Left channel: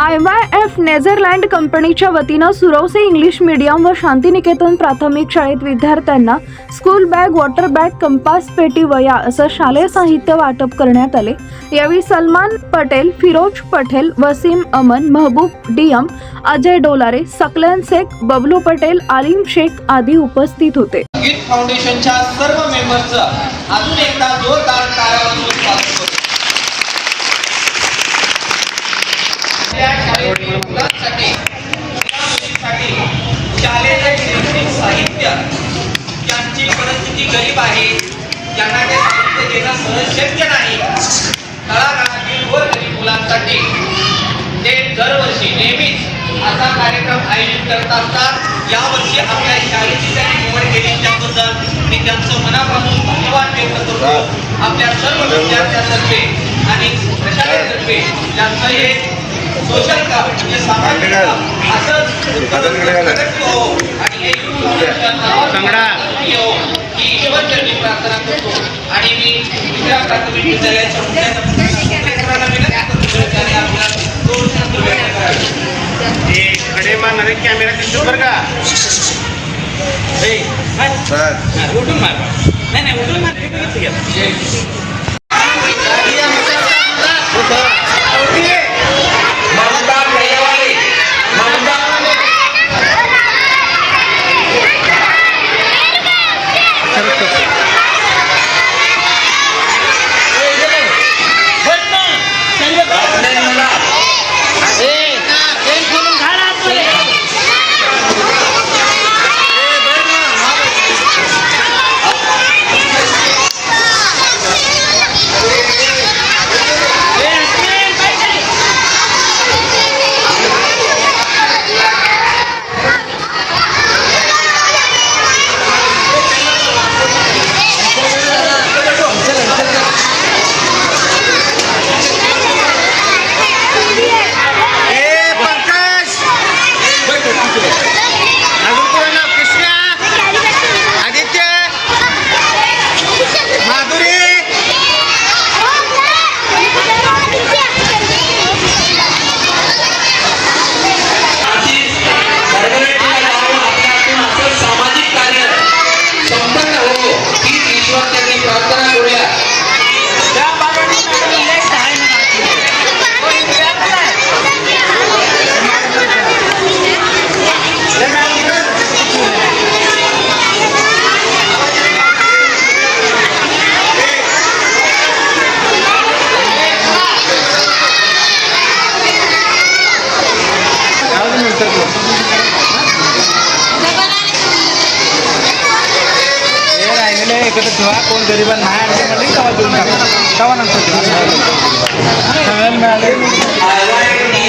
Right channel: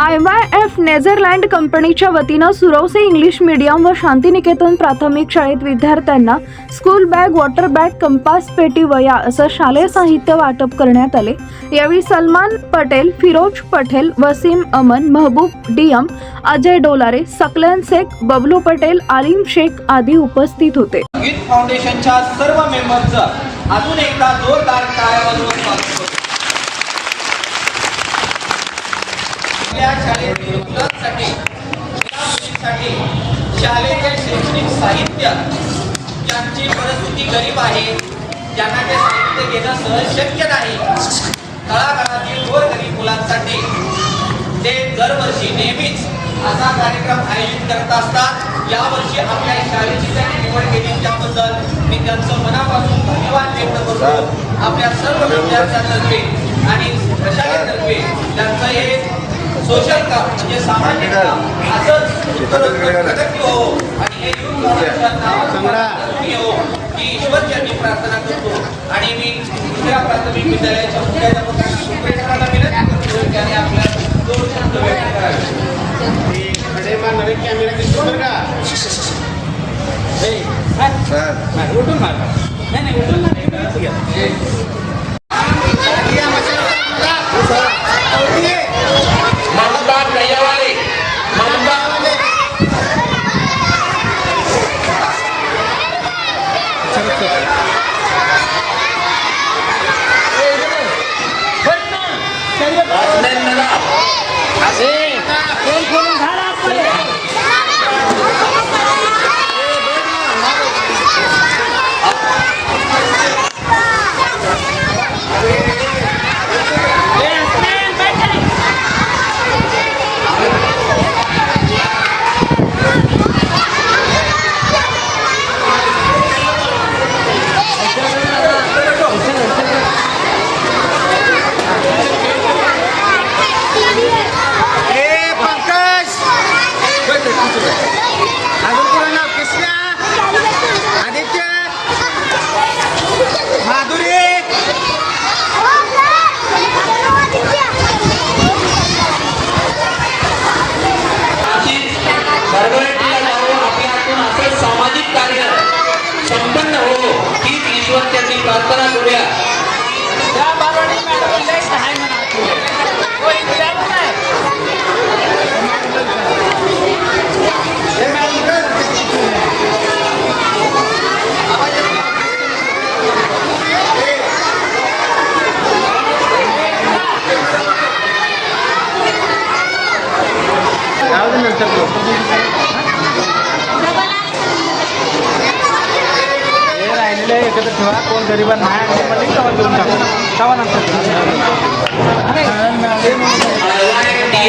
IYF Netherland कंपनीच्या वतीनं Suravase English medium व शांतिनिकेतन प्राथमिक शाळेत विद्यार्थ्यांना school bag, water bag, compass, पेटी, वह्या असं शालेय साहित्य वाटप करण्यात आले। यावेळी सलमान पटेल, फिरोज पटेल, वसीम अमन, महबूब डीएम, अजय डोलारे, सकलन शेख, बबलू पटेल, आलिम शेख आदी उपस्थित होते। गीत फाउंडेशनच्या सर्व मेंबर्सचं अजून एकदा जोरदार टाळ्या वाजवून स्वागत करतो। या शाळेतील मुलांसाठी शालेय शैक्षणिक साहित्य ज्यांची परिस्थिती गरीब आहे, ज्यांना ते साहित्य घेणं सहज शक्य नाही, तळागाळातील गोरगरीब मुलांसाठी ते दरवर्षी नेहमीच असा कार्यक्रम आयोजित करत असतात। यावर्षी आपल्या शाळेची त्यांनी निवड केली त्याबद्दल मी त्यांचं मनापासून धन्यवाद व्यक्त करतो। आपल्या सर्व विद्यार्थ्यांतर्फे आणि प्रशासनातर्फे त्यांचं हे सोशल काम म्हणजे सामाजिक काम असंच प्रगती हो आणि हे ही ईश्वरचरणी प्रार्थना करतो। आणि मी दुसऱ्या प्राथमिक विद्यालयाच्या मुख्याध्यापकांना विनंती करतो त्याने आपला 2 शब्द व्यक्त करावे। कडे मारणारे कॅमेरा दिसतो बरं का? उठून मार नाही उठून मार ममता दयावाले ममता प्रार्थना करूया। कोण गरीब नाही